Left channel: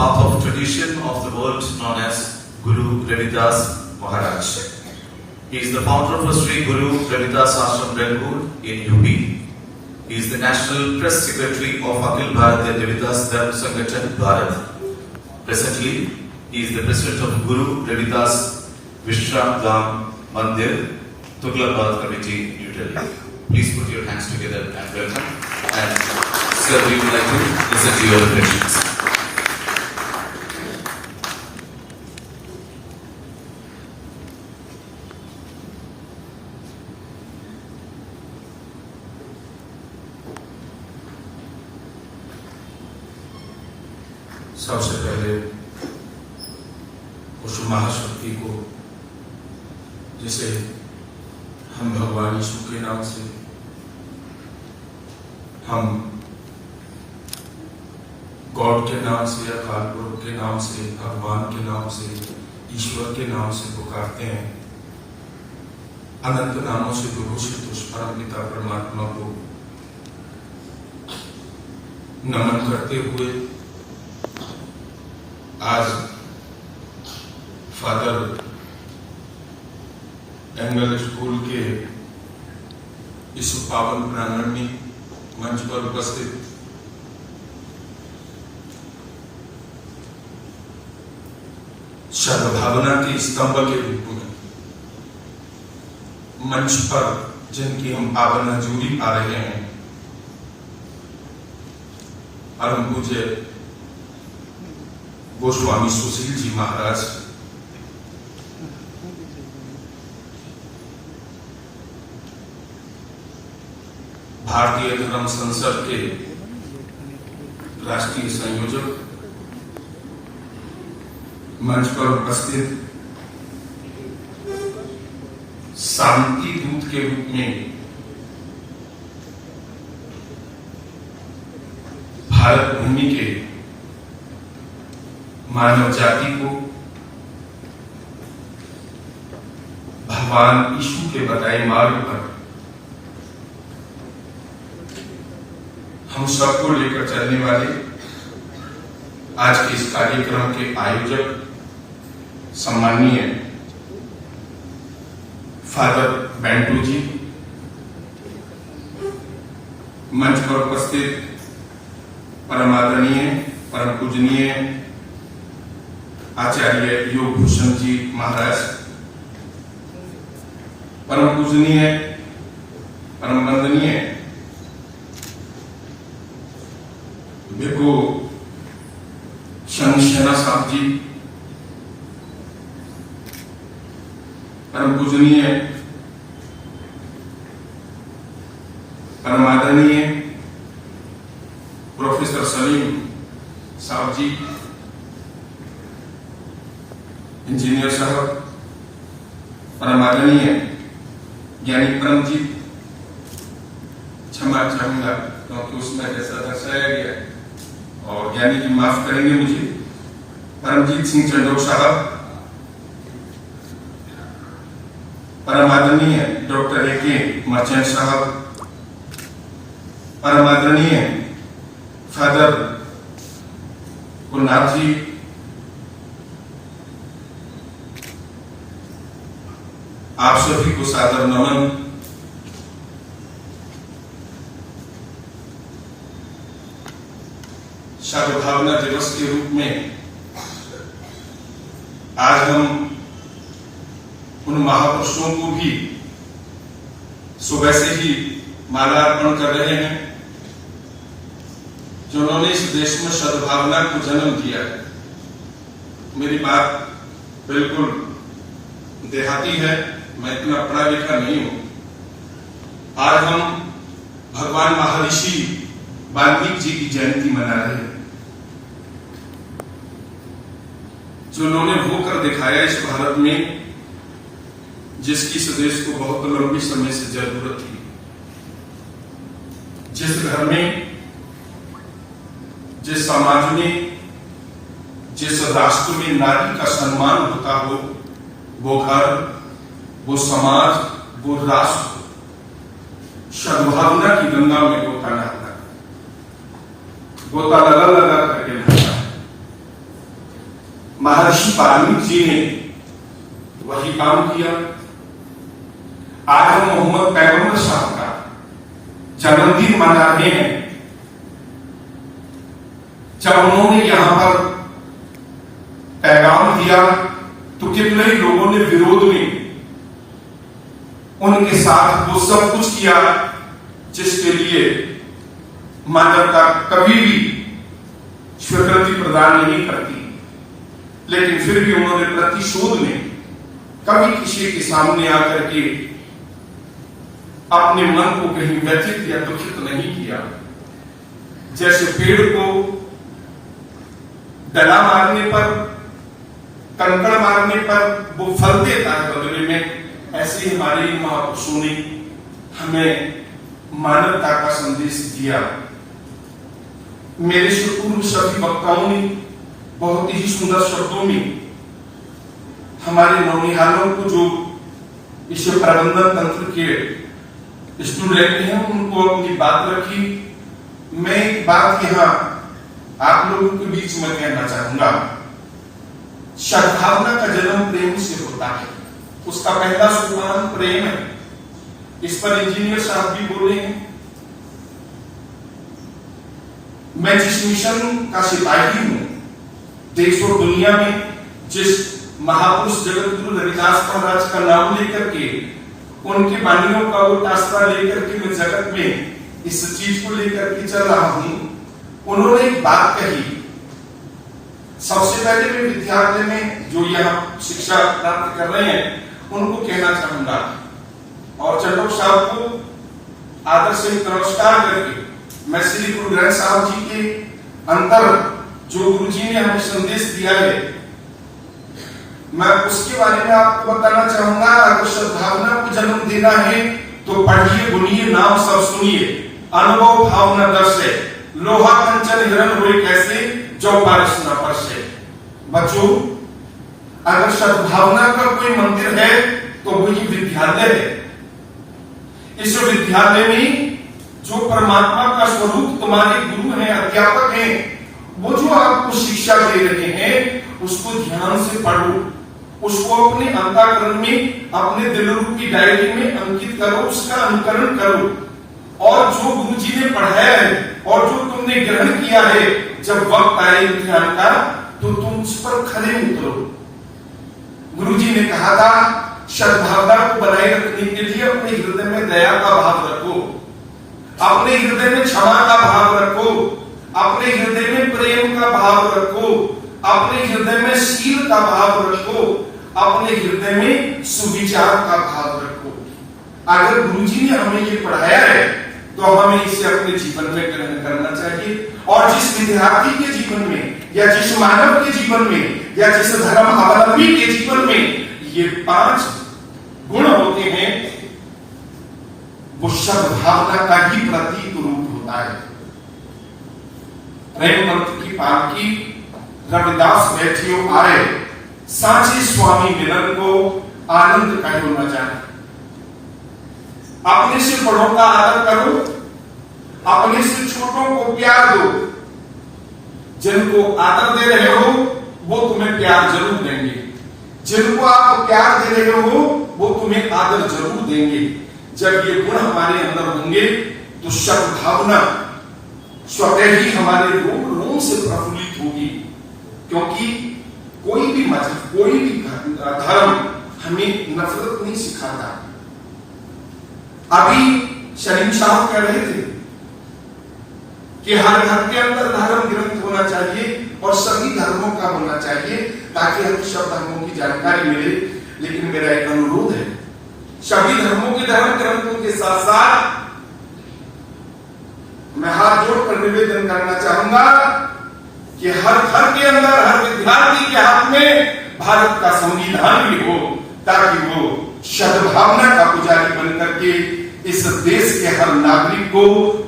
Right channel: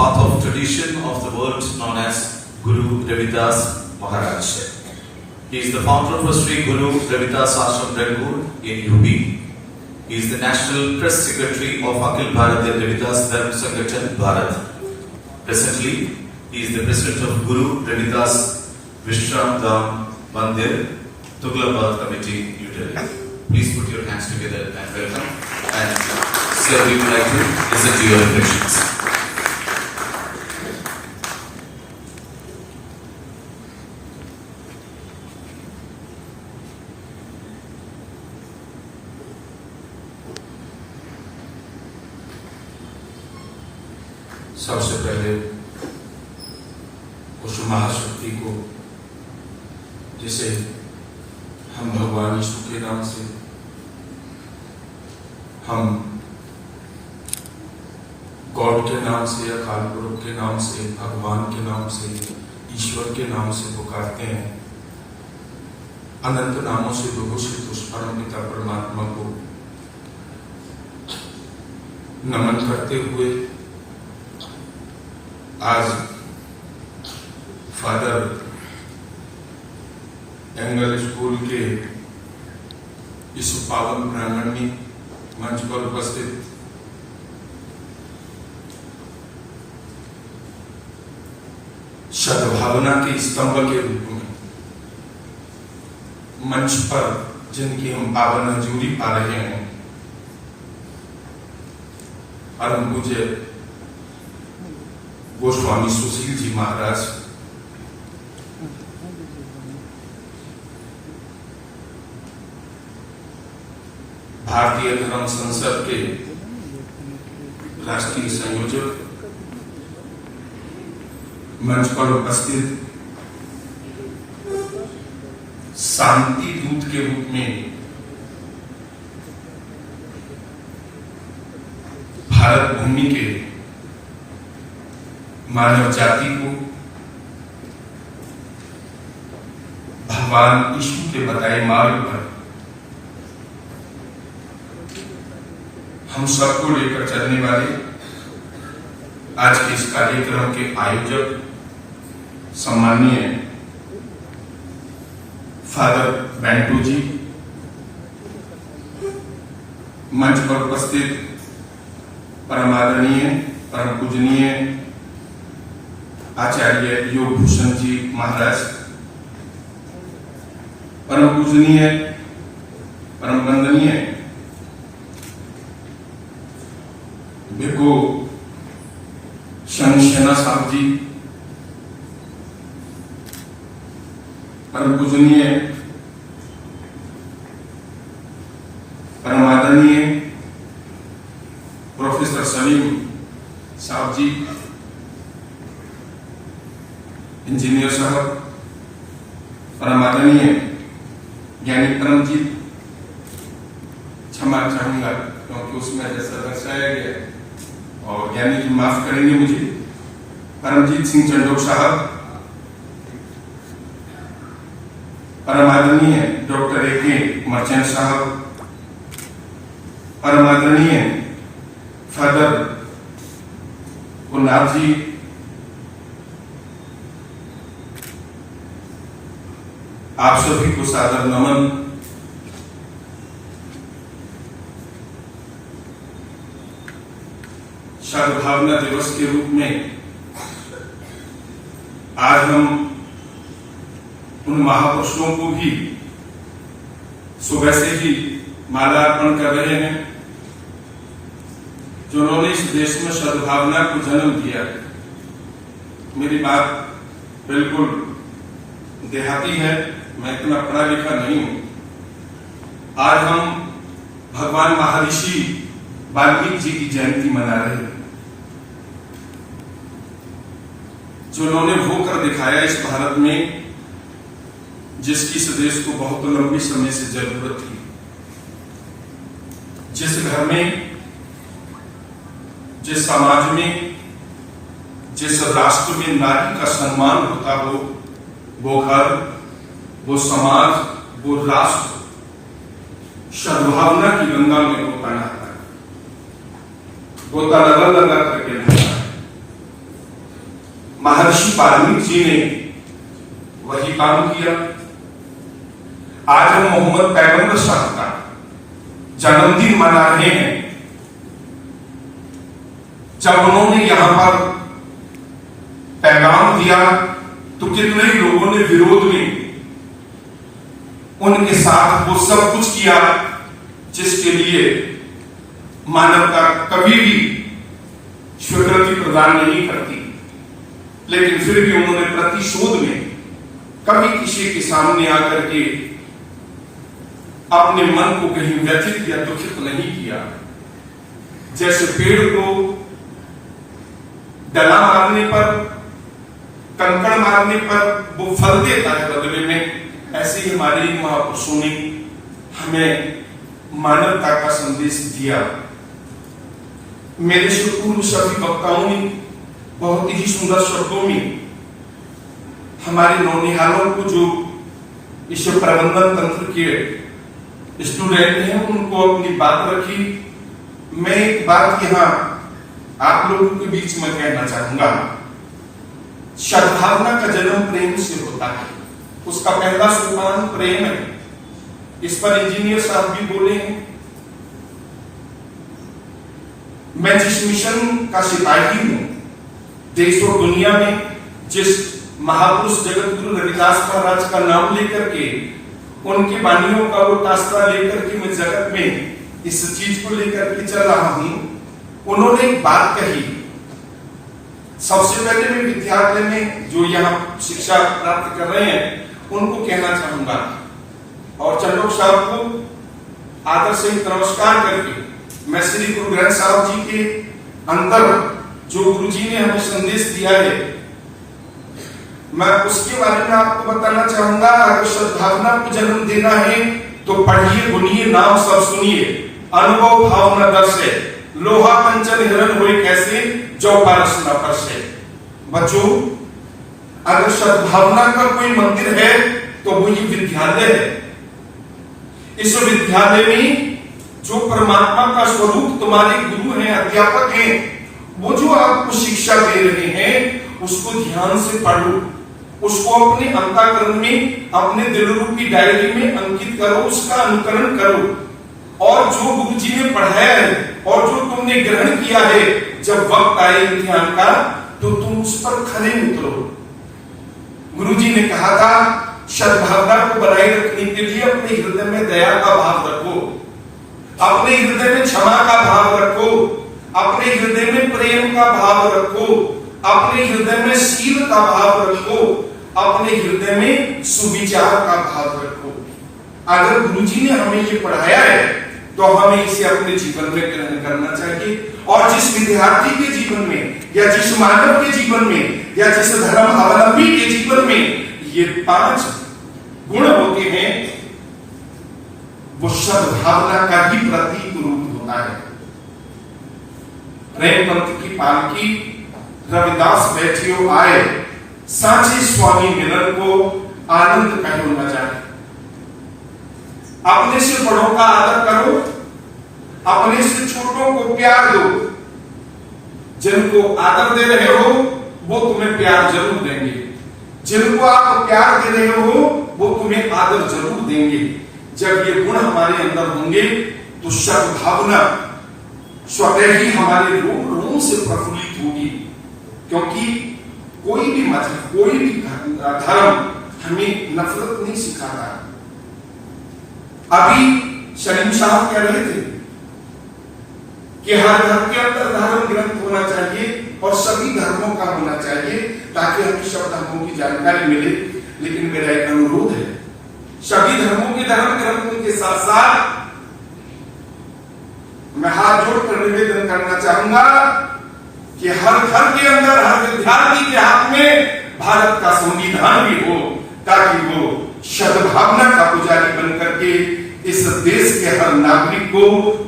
path of tradition of the world known as Guru Ravidas Maharaj. He is the founder of Sri Guru Ravidas Ashram Belur in UP. He is the National Press Secretary of Akhil Bharatiya Ravidas Dharma Sangathan Bharat. Presently, he is the President of Guru Ravidas Vishram Dham Mandir, Tughlaqabad Committee, New Delhi. Please put your hands together and welcome. And sir, we would like to listen to your reflections. सबसे पहले उस महाशक्ति को जिसे हम भगवान यीशु के नाम से, हम गॉड के नाम से या काल पुरुष के नाम से, भगवान के नाम से, ईश्वर के नाम से पुकारते हैं, अनंत नामों से विभूषित उस परम पिता परमात्मा को नमन करते हुए आज फादर एंगल स्कूल के इस पावन प्रांगण में मंच पर उपस्थित सद्भावना के स्तंभ के रूप में मंच पर जिनकी हम पावन हजूरी पा रहे हैं, परम पूज्य गोस्वामी सुशील जी महाराज, भारतीय धर्म संसद के राष्ट्रीय संयोजक, मंच पर उपस्थित शांति दूत के रूप में भारत भूमि के मानव जाति को भगवान यीशु के बताए मार्ग पर हम सबको लेकर चलने वाले आज के इस कार्यक्रम के आयोजक सम्माननीय फादर बेंटू जी, मंच पर उपस्थित परम आदरणीय परम पूजनीय आचार्य योग भूषण जी महाराज, परम पूजनीय परम वंदनीय भिक्खु शंशना साहब जी, परम पूजनीय परम आदरणीय प्रोफेसर सलीम साहब जी, इंजीनियर साहब, परम आदरणीय ज्ञानी परम जी, क्षमा चाहूंगा क्योंकि उसमें जैसा दर्शाया गया और ज्ञानी जी माफ करेंगे मुझे, परमजीत सिंह चंडोक साहब, परम आदरणीय डॉक्टर ए.के. मर्चेंट साहब, परम आदरणीय फादर गुलनाथ जी, आप सभी को सादर नमन। सद्भावना दिवस के रूप में आज हम उन महापुरुषों को भी सुबह से ही माल्यार्पण कर रहे हैं जिन्होंने इस देश में सद्भावना को जन्म दिया है। मेरी बात बिल्कुल देहाती है, मैं इतना पढ़ा लिखा नहीं हूं। आज हम भगवान महर्षि वाल्मीकि जी की जयंती मना रहे हैं, जिन्होंने वो कर दिखाया इस भारत में जिसकी इस देश को बहुत लंबी समय से जरूरत थी। जिस घर में, जिस समाज में, जिस राष्ट्र में नारी का सम्मान होता हो, वो घर, वो समाज, वो राष्ट्र सद्भावना की गंगा में गोता नहाता है, गोता लगा लगा करके नहाता है। महर्षि वाल्मीकि जी ने वही काम किया। आज हम मोहम्मद पैगंबर साहब का जन्मदिन मना रहे हैं। जब उन्होंने यहां पर पैगाम दिया तो कितने ही लोगों ने विरोध में उनके साथ वो सब कुछ किया जिसके लिए मानवता कभी भी स्वीकृति प्रदान नहीं करती। लेकिन फिर भी उन्होंने प्रतिशोध में कभी किसी के सामने आकर के अपने मन को कहीं व्यथित या दुखित नहीं किया। जैसे पेड़ को डला मारने पर, कंकड़ मारने पर वो फल देता है बदले में, ऐसे ही हमारे महापुरुषों ने हमें मानवता का संदेश दिया। मेरे से पूर्व सभी वक्ताओं ने बहुत ही सुंदर शब्दों में हमारे नौनिहालों को, जो इस प्रबंधन तंत्र के स्टूडेंट हैं, उनको अपनी बात रखी। मैं एक बात यहां आप लोगों के बीच में कहना चाहूंगा। सद्भावना का जन्म प्रेम से होता है। उसका पहला सोपान प्रेम है। इस पर इंजीनियर साहब भी बोले हैं। मैं जिस मिशन का सिपाही हूं, देश और दुनिया में जिस महापुरुष जगत गुरु रविदास महाराज का नाम लेकर के, उनके वाणियों का वो आस्था लेकर के मैं जगत में इस चीज को लेकर के चल रहा हूं, उन्होंने एक बात कही। सबसे पहले मैं विद्यालय में जो यहाँ शिक्षा प्राप्त कर रहे हैं उनको कहना चाहूंगा, और चंद्रों साहब को आदर से नमस्कार करके मैं श्री गुरु ग्रंथ साहब जी के अंदर जो गुरु जी ने हमें संदेश दिया है, मैं उसके बारे में आपको बताना चाहूंगा। अगर सद्भावना को जन्म देना है तो पढ़िए, बुनिए, नाम सब सुनिए, अनुभव भावना दर्शे, लोहा कंचन हिरण हुए कैसे, जो पारस न परसे। बच्चों, अगर सद्भावना का कोई मंदिर है तो वो ये विद्यालय है। इस विद्यालय में जो परमात्मा का स्वरूप तुम्हारे गुरु हैं, अध्यापक हैं, वो जो आपको शिक्षा दे रहे हैं उसको ध्यान से पढ़ो, उसको अपने अंतःकरण में, अपने दिल रूपी डायरी में अंकित करो, उसका अनुकरण करो। और जो गुरु जी ने पढ़ाया है और जो तुमने ग्रहण किया है, जब वक्त आए इम्तिहान का तो तुम उस पर खरे उतरो। गुरु जी ने कहा था, सद्भावना को बनाए रखने के लिए अपने हृदय में दया का भाव रखो, अपने हृदय में क्षमा का भाव रखो, अपने हृदय में प्रेम का भाव रखो, अपने हृदय में शील का भाव रखो, अपने हृदय में सुविचार का भाव रखो। अगर गुरु जी ने हमें ये पढ़ाया है तो हमें इसे अपने जीवन में ग्रहण करना चाहिए। और जिस विद्यार्थी के जीवन में, या जिस मानव के जीवन में, या जिस धर्म अवलंबी के जीवन में ये 5 गुण होते हैं, वो सद्भावना का ही प्रतीक रूप होता है। प्रेम पंथ की पालकी रविदास बैठियो आए, साचे स्वामी मिलन को आनंद कहो न जाए। अपने से बड़ों का आदर करो, अपने से छोटों को प्यार दो। जिनको आदर दे रहे हो वो तुम्हें प्यार जरूर देंगे, जिनको आप प्यार दे रहे हो वो तुम्हें आदर जरूर देंगे। जब ये गुण हमारे अंदर होंगे तो सद्भावना स्वतः ही हमारे रोम रोम से प्रफुल्लित होगी। क्योंकि कोई भी मजहब, कोई भी धर्म हमें नफरत नहीं सिखाता। अभी सलीम साहब कह रहे थे कि हर घर के अंदर धर्म ग्रंथ होना चाहिए और सभी धर्मों का होना चाहिए ताकि हमें सब धर्मों की जानकारी मिले। लेकिन मेरा एक अनुरोध है, सभी धर्मों के धर्म ग्रंथों के साथ साथ मैं हाथ जोड़कर निवेदन करना चाहूंगा कि हर घर के अंदर, हर विद्यार्थी के हाथ में भारत का संविधान भी हो, ताकि वो सद्भावना का पुजारी बन करके इस देश के हर नागरिक को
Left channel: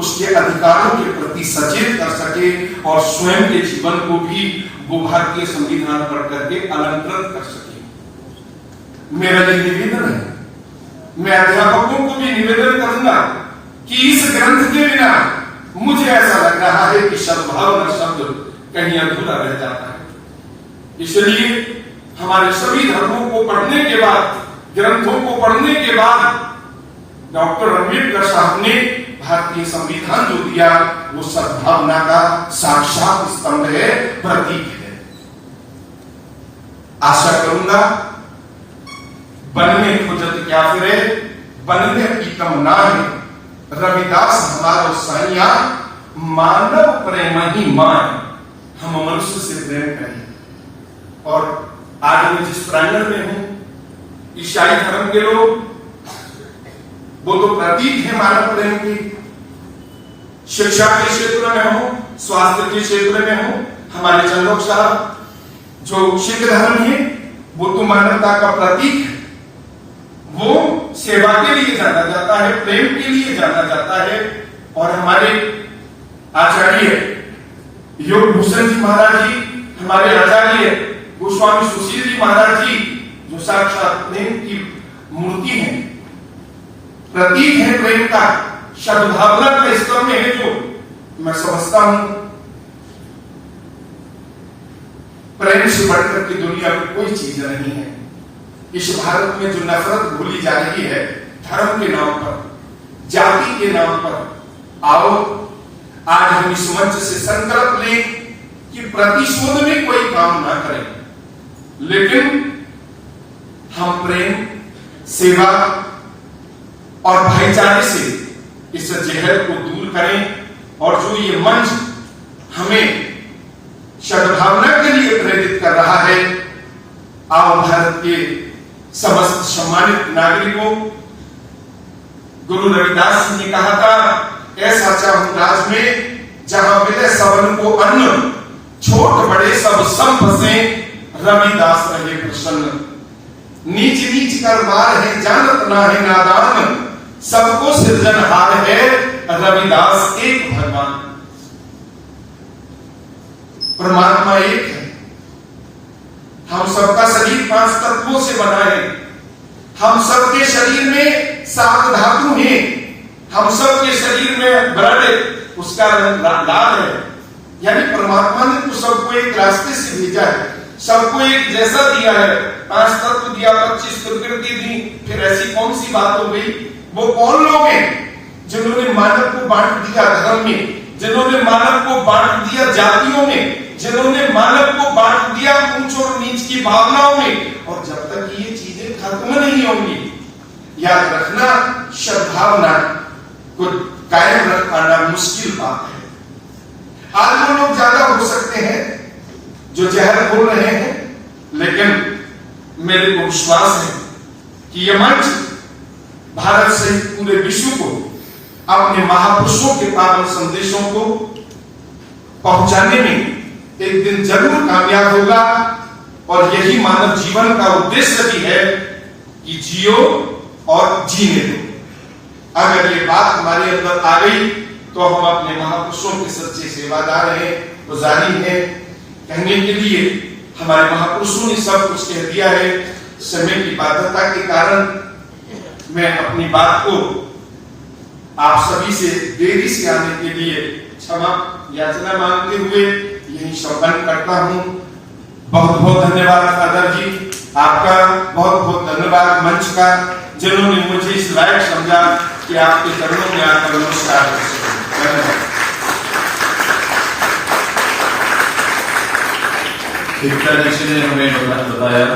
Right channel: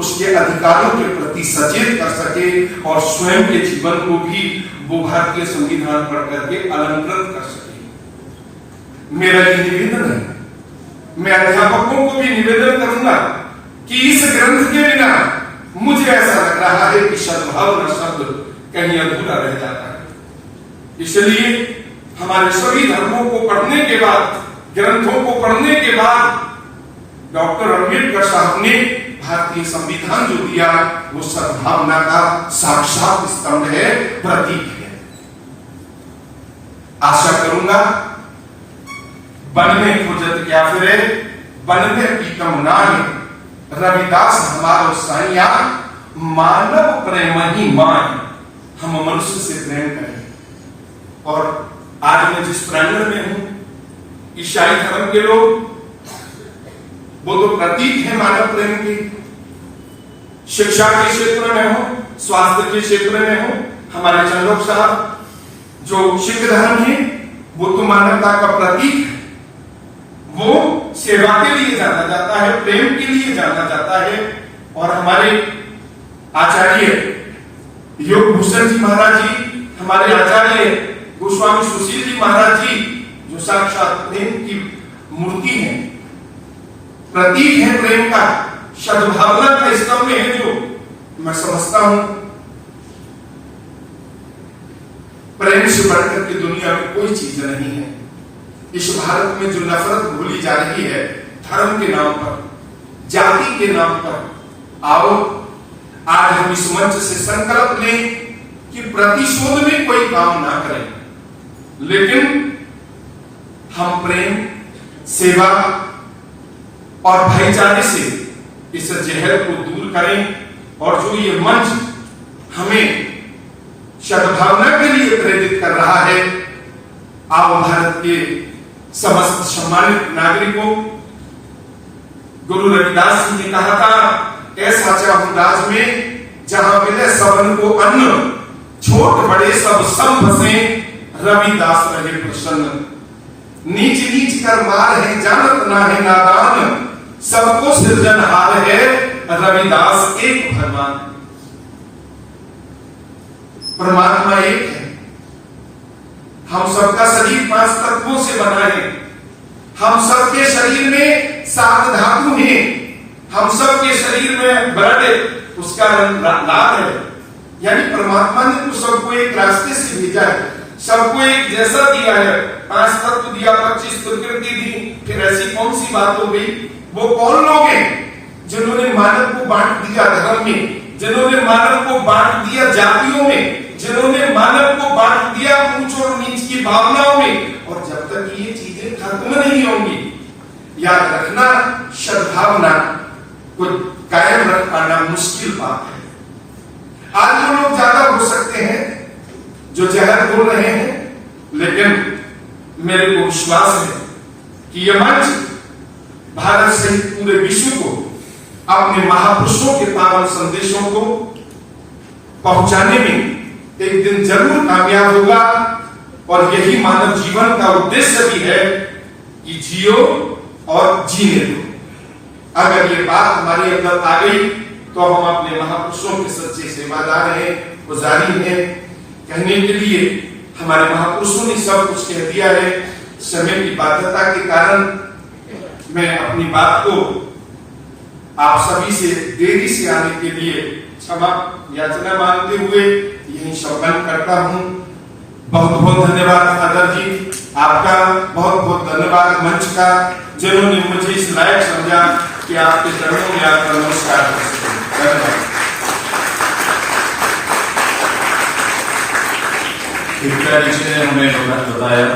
उसके अधिकारों के प्रति सचेत कर सके और स्वयं के जीवन को भी वो भारतीय संविधान पढ़ करके अलंकृत कर सके। मेरा ये निवेदन है। मैं अध्यापकों को भी निवेदन करूंगा कि इस ग्रंथ के बिना मुझे ऐसा लग रहा है कि सद्भावना शब्द कहीं अधूरा रह जाता है। इसलिए हमारे सभी धर्मों को पढ़ने के बाद, ग्रंथों को पढ़ने के बाद डॉक्टर अम्बेडकर साहब ने भारतीय संविधान जो दिया वो सद्भावना का साक्षात स्तंभ है, प्रतीक है। आशा करूंगा बन में खोजत क्या फिरे, बन में पीतम नाय, रविदास हमारो साइया, मानव प्रेम ही मान। हम मनुष्य से प्रेम करें। और आज मैं जिस प्रांगण में हूं, ईसाई धर्म के लोग वो तो प्रतीक है मानव प्रेम की। शिक्षा के क्षेत्र में हो, स्वास्थ्य के क्षेत्र में हो, हमारे चंदोक साहब जो सिख धर्म है वो तो मानवता का प्रतीक है। वो सेवा के लिए जाना जाता है, प्रेम के लिए जाना जाता है। और हमारे आचार्य योग भूषण जी महाराज जी, हमारे आचार्य गोस्वामी सुशील जी महाराज जी जो साक्षात प्रेम की मूर्ति है, प्रतीक है प्रेम का, सद्भावना का स्तंभ है। जो मैं समझता हूं प्रेम से बढ़कर के दुनिया में कोई चीज नहीं है। इस भारत में जो नफरत भूली जा रही है धर्म के नाम पर, जाति के नाम पर, आओ आज हम इस मंच से संकल्प लें कि प्रतिशोध में कोई काम ना करें, लेकिन हम प्रेम, सेवा और भाईचारे से इस जहर को दूर करें। और जो ये मंच हमें सद्भावना के लिए प्रेरित कर रहा है, आओ भारत के समस्त सम्मानित नागरिकों, गुरु रविदास जी ने कहा था, ऐसा चाहूं राज में जहां मिले सबन को अन्न, छोट बड़े सब संभ से रविदास रहे प्रसन्न। नीच नीच कर मार है जानत ना है नादान, सबको सृजनहार है रविदास एक भगवान। परमात्मा एक है। हम सबका शरीर 5 तत्वों से बना है। हम सबके शरीर में 7 धातु हैं। हम सबके शरीर में ब्लड उसका रंग लाल है। यानी परमात्मा ने तो सबको एक रास्ते से भेजा है, सबको एक जैसा दिया है। 5 तत्व दिया, 25 प्रकृति दी, फिर ऐसी कौन सी बात हो गई? वो कौन लोग हैं जिन्होंने मानव को बांट दिया धर्म में, जिन्होंने मानव को बांट दिया जातियों में, जिन्होंने मानव को बांट दिया ऊंच और नीच की भावनाओं में। और जब तक ये चीजें खत्म नहीं होंगी, याद रखना सद्भावना को कायम रख पाना मुश्किल बात है। आज वो लोग ज्यादा हो सकते हैं जो जहर बोल रहे हैं, लेकिन मेरे को विश्वास है कि यह मंच भारत सहित पूरे विश्व को अपने महापुरुषों के पावन संदेशों को पहुंचाने में एक दिन जरूर कामयाब होगा। और यही मानव जीवन का उद्देश्य भी है कि जियो और जीने दो। अगर ये बात हमारे अंदर आ गई तो हम अपने महापुरुषों के सच्चे सेवादार हैं, पुजारी हैं। कहने के लिए हमारे महापुरुषों ने सब कुछ कह दिया है। समय की बाध्यता के कारण मैं अपनी बात को आप सभी से देरी से आने के लिए क्षमा याचना मांगते हुए यही संपन्न करता हूं। बहुत बहुत धन्यवाद फादर जी, आपका बहुत बहुत धन्यवाद मंच का, जिन्होंने मुझे इस लायक समझा कि आपके चरणों में आकर नमस्कार कर सकूं। धन्यवाद। ने हमें बताया